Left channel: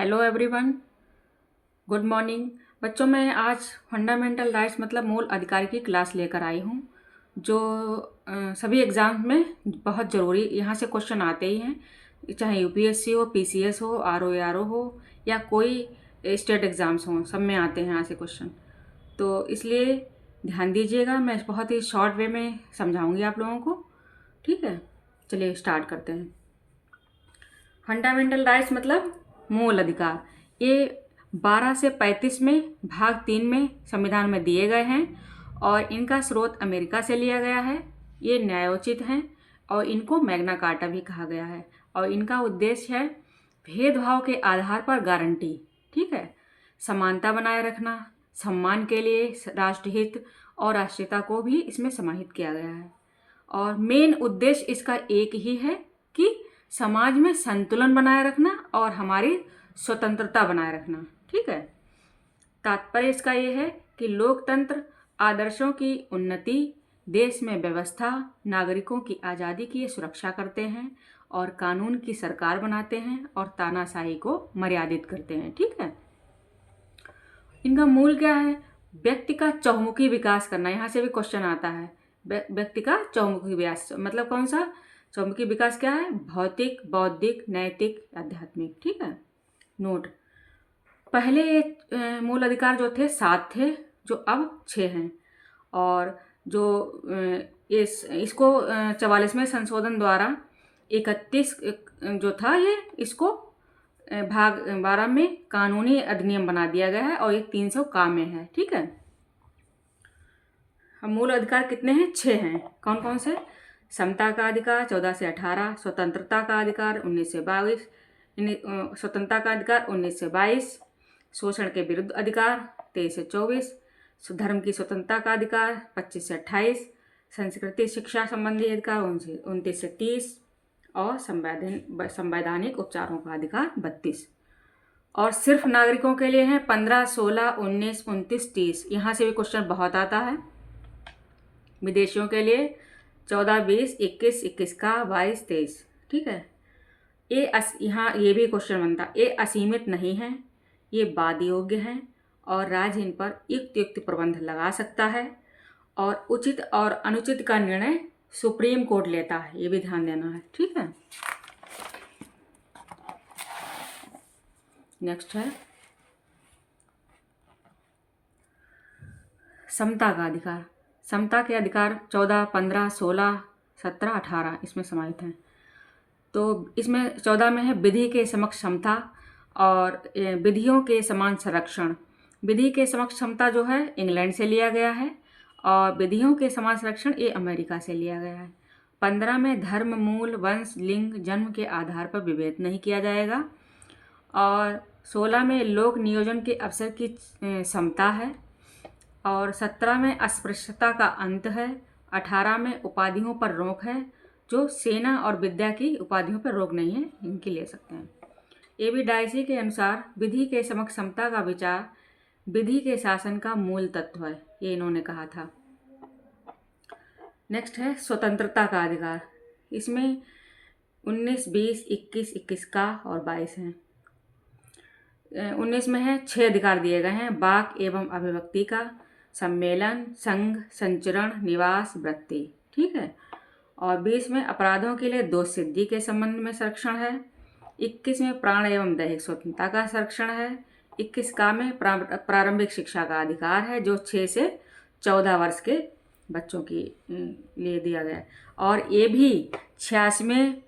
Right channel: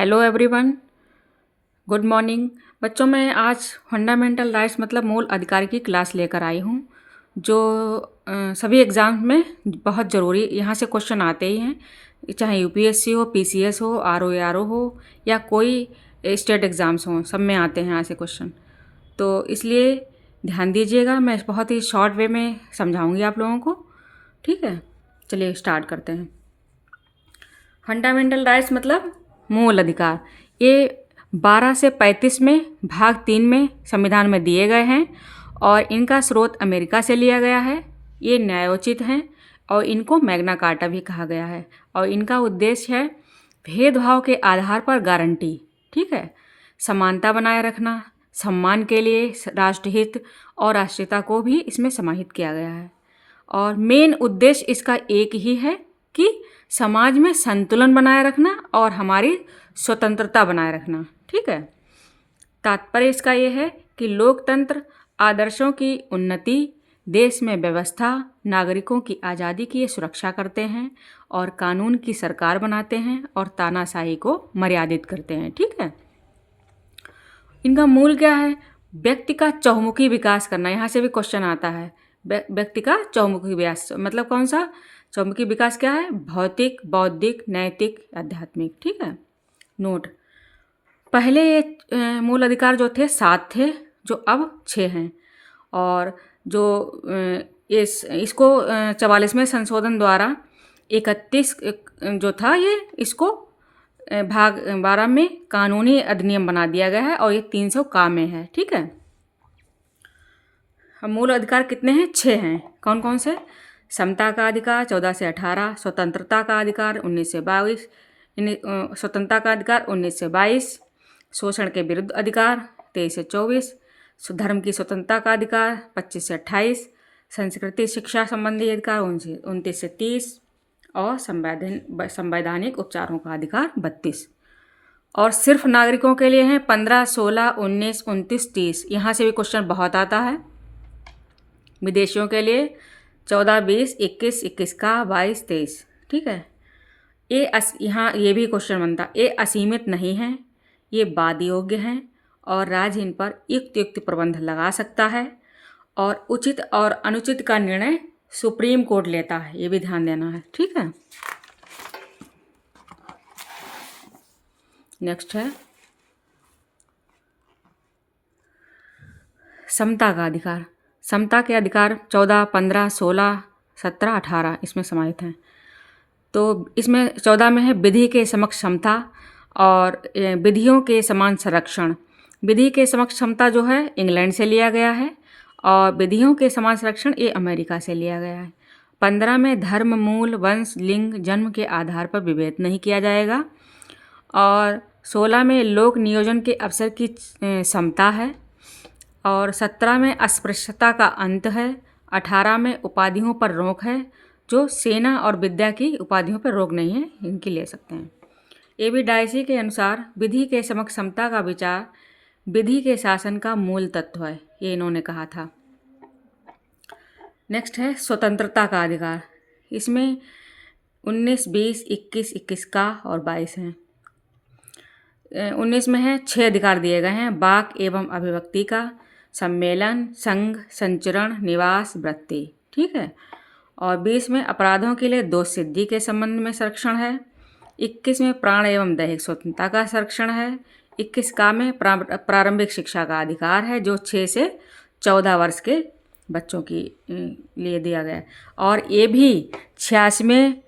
Hello everyone, good morning. बच्चों, मैं आज फंडामेंटल राइट्स मतलब मूल अधिकार की क्लास लेकर आई हूँ जो सभी एग्ज़ाम में बहुत ज़रूरी, यहाँ से क्वेश्चन आते ही हैं, चाहे यूपीएससी हो, पीसीएस हो, आरओ हो या कोई स्टेट एग्ज़ाम्स हों, सब में आते हैं यहाँ से क्वेश्चन। तो इसलिए ध्यान दीजिएगा, मैं बहुत ही शॉर्ट वे में समझाऊँगी आप लोगों को। ठीक है, चलिए स्टार्ट करते हैं। फंडामेंटल राइट्स मतलब मूल अधिकार, ये 12 से 35 में भाग 3 में संविधान में दिए गए हैं और इनका स्रोत अमेरिका से लिया गया है। ये न्यायोचित हैं और इनको मैग्ना कार्टा भी कहा गया है और इनका उद्देश्य है भेदभाव के आधार पर गारंटी, ठीक है, समानता बनाए रखना, सम्मान के लिए राष्ट्रहित और राष्ट्रीयता को भी इसमें समाहित किया गया है। और मेन उद्देश्य इसका एक ही है कि समाज में संतुलन बनाए रखना और हमारी स्वतंत्रता बनाए रखना। ठीक है, तात्पर्य इसका यह है कि लोकतंत्र आदर्शों की उन्नति, देश में व्यवस्था, नागरिकों की आज़ादी की सुरक्षा करते हैं और कानून की सरकार बनाते हैं और तानाशाही को मर्यादित करते हैं। ठीक है, इनका मूल क्या है? व्यक्ति का चहुमुखी विकास करना। यहाँ से भी क्वेश्चन आता है, व्यक्ति का चहुमुखी विकास मतलब कौन सा? चहुमुखी विकास क्या है? भौतिक, बौद्धिक, नैतिक, आध्यात्मिक। ठीक है, नोट, पहले ये मूल अधिकार जो थे 7 थे, जो अब 6 हैं और जो इसको 44वें संशोधन द्वारा 31 जो था ये इसको भाग 12 में कानूनी अधिनियम बना दिया गया है और ये 300 का में है। ठीक है, अब मूल अधिकार कितने हैं? 6 हैं। कौन कौन से? समता का अधिकार 14 से 18, स्वतंत्रता का अधिकार 19 से 22, स्वतंत्रता का अधिकार 19 से 22, शोषण के विरुद्ध अधिकार 23 से 24, धर्म की स्वतंत्रता का अधिकार 25 से 28, संस्कृति शिक्षा संबंधी अधिकार 29 से 30 और संवैधानिक उपचारों का अधिकार 32। और सिर्फ नागरिकों के लिए हैं 15, 16, 19, 29, 30। यहाँ से भी क्वेश्चन बहुत आता है। विदेशियों के लिए 14, 20, 21, 21 का, 22, 23। ठीक है, यहाँ ये भी क्वेश्चन बनता, ये असीमित नहीं है, ये वाद योग्य हैं और राज्य इन पर युक्त प्रबंध लगा सकता है और उचित और अनुचित का निर्णय सुप्रीम कोर्ट लेता है, ये भी ध्यान देना है। ठीक है, नेक्स्ट है समता का अधिकार। समता के अधिकार 14, 15, 16, 17, 18 इसमें समाहित हैं। तो इसमें 14 में है विधि के समक्ष समता और विधियों के समान संरक्षण। विधि के समक्ष समता जो है इंग्लैंड से लिया गया है और विधियों के समान संरक्षण ये अमेरिका से लिया गया है। 15 में धर्म, मूल, वंश, लिंग, जन्म के आधार पर विभेद नहीं किया जाएगा और 16 में लोक नियोजन के अवसर की समता है और 17 में अस्पृश्यता का अंत है। 18 में उपाधियों पर रोक है, जो सेना और विद्या की उपाधियों पर रोक नहीं है, इनकी ले सकते हैं। एबी डायसी के अनुसार विधि के समक्ष समता का विचार विधि के शासन का मूल तत्व है, ये इन्होंने कहा था। नेक्स्ट है स्वतंत्रता का अधिकार। इसमें 19, 20, 21, 21 का और 22 हैं। 19 में है 6 अधिकार दिए गए हैं, वाक एवं अभिव्यक्ति का, सम्मेलन, संघ, संचरण, निवास, वृत्ति। ठीक है, और 20 में अपराधों के लिए दोष सिद्धि के संबंध में संरक्षण है। 21 में प्राण एवं दैहिक स्वतंत्रता का संरक्षण है। 21 का में प्रारंभिक शिक्षा का अधिकार है, जो 6 से 14 वर्ष के बच्चों की लिए दिया गया है और ये भी 86वें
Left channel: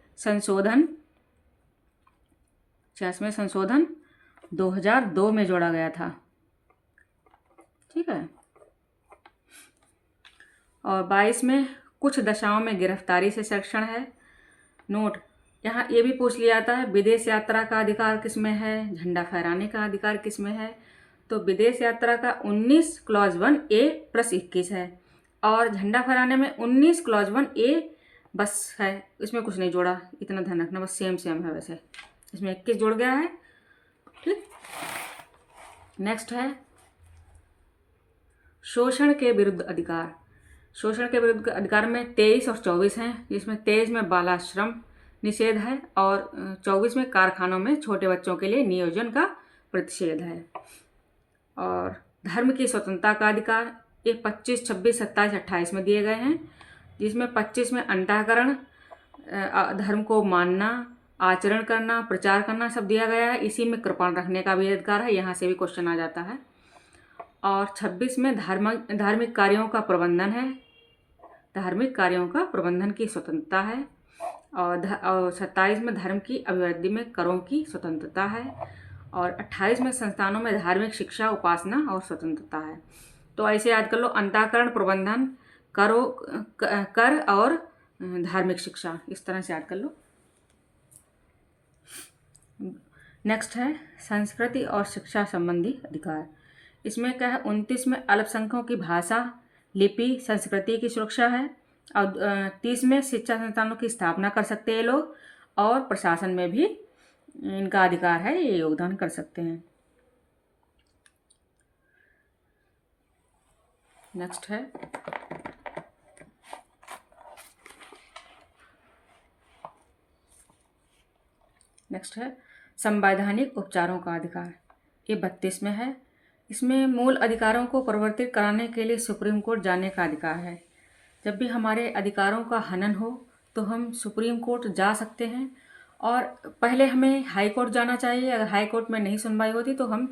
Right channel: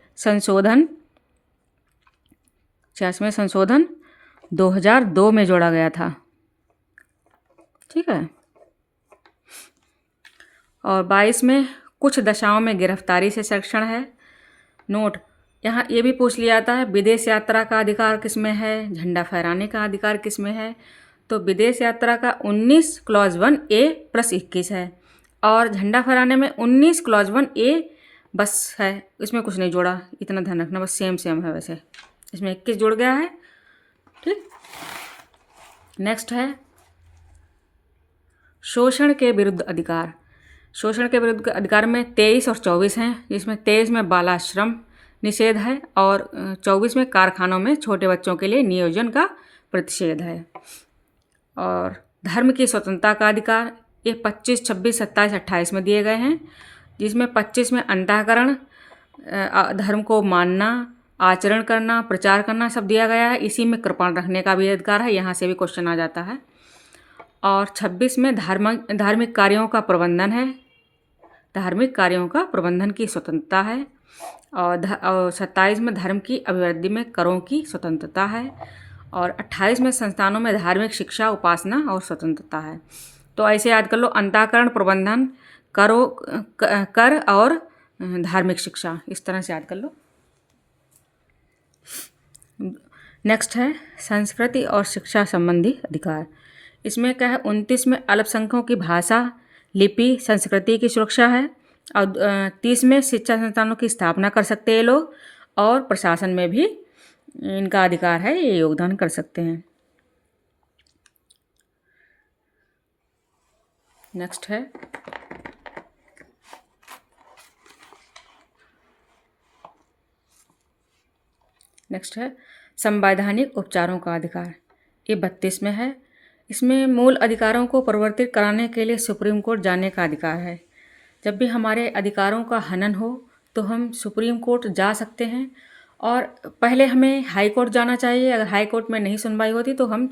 संशोधन 2002 में जोड़ा गया था। ठीक है, और 22 में कुछ दशाओं में गिरफ्तारी से संरक्षण है। नोट, यहाँ ये भी पूछ लिया जाता है विदेश यात्रा का अधिकार किसमें है, झंडा फहराने का अधिकार किसमें है। तो विदेश यात्रा का 19 क्लॉज 1A + 21 है और झंडा फहराने में 19 क्लॉज 1A बस है, इसमें कुछ नहीं जोड़ा, इतना ध्यान रखना, बस सेम है। वैसे इसमें 21 जुड़ गया है। ठीक, नेक्स्ट है शोषण के विरुद्ध अधिकार। शोषण के विरुद्ध अधिकार में 23 और 24 हैं, जिसमें 23 में बालाश्रम निषेध है और 24 में कारखानों में छोटे बच्चों के लिए नियोजन का प्रतिषेध है। और धर्म की स्वतंत्रता का अधिकार ये 25, 26, 27, 28 में दिए गए हैं, जिसमें 25 में अंतःकरण धर्म को मानना, आचरण करना, प्रचार करना सब दिया गया है। इसी में कृपण रखने का भी अधिकार है, यहाँ से भी क्वेश्चन आ जाता है। और 26 में धार्मिक कार्यों का प्रबंधन है, धार्मिक कार्यों का प्रबंधन की स्वतंत्रता है। और 27 में धर्म की अभिवृद्धि में करों की स्वतंत्रता है। और 28 में संस्थानों में धार्मिक शिक्षा, उपासना और स्वतंत्रता है। तो ऐसे याद कर लो, अंतःकरण, प्रबंधन, कर और धार्मिक शिक्षा, इस तरह से याद कर लो। नेक्स्ट है संस्कृति और शिक्षा संबंधी अधिकार। इसमें क्या है, 29 में अल्पसंख्यकों की भाषा, लिपि, संस्कृति की सुरक्षा है। और 30 में शिक्षा संस्थानों की स्थापना कर सकते हैं ये लोग, और प्रशासन में भी इनका अधिकार है, ये योगदान कर सकते हैं। नेक्स्ट है संवैधानिक उपचारों का अधिकार, ये 32 में है। इसमें मूल अधिकारों को परिवर्तित कराने के लिए सुप्रीम कोर्ट जाने का अधिकार है। जब भी हमारे अधिकारों का हनन हो तो हम सुप्रीम कोर्ट जा सकते हैं, और पहले हमें हाई कोर्ट जाना चाहिए। अगर हाई कोर्ट में नहीं सुनवाई होती तो हम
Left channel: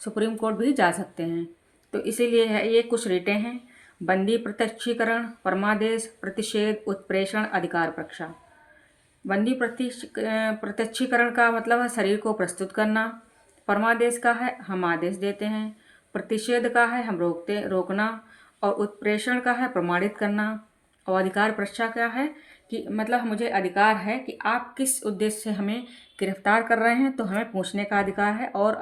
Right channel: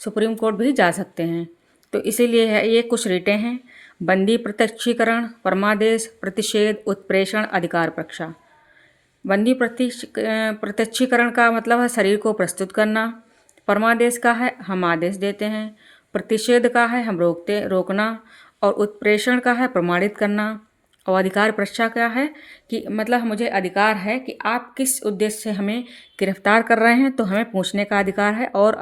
सुप्रीम कोर्ट भी जा सकते हैं। तो इसीलिए ये कुछ रीटें हैं: बंदी प्रत्यक्षीकरण, परमादेश, प्रतिषेध, उत्प्रेषण, अधिकार परीक्षा। बंदी प्रत्यक्षीकरण का मतलब है शरीर को प्रस्तुत करना। परमादेश का है हम आदेश देते हैं। प्रतिषेध का है हम रोकना। और उत्प्रेषण का है प्रमाणित करना। और अधिकार परीक्षा क्या है कि मतलब मुझे अधिकार है कि आप किस उद्देश्य से हमें गिरफ्तार कर रहे हैं, तो हमें पूछने का अधिकार है, और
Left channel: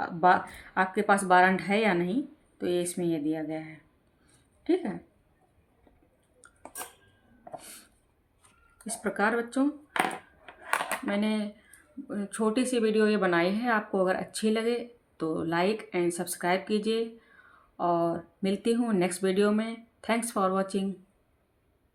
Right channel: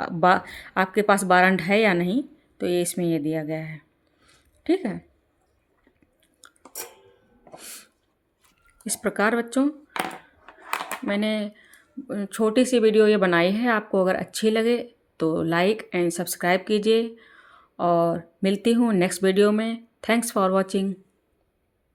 आपके पास वारंट है या नहीं, तो ये इसमें ये दिया गया है। ठीक है, इस प्रकार बच्चों मैंने छोटी सी वीडियो ये बनाई है। आपको अगर अच्छी लगे तो लाइक एंड सब्सक्राइब कीजिए, और मिलती हूँ नेक्स्ट वीडियो में। Thanks for watching.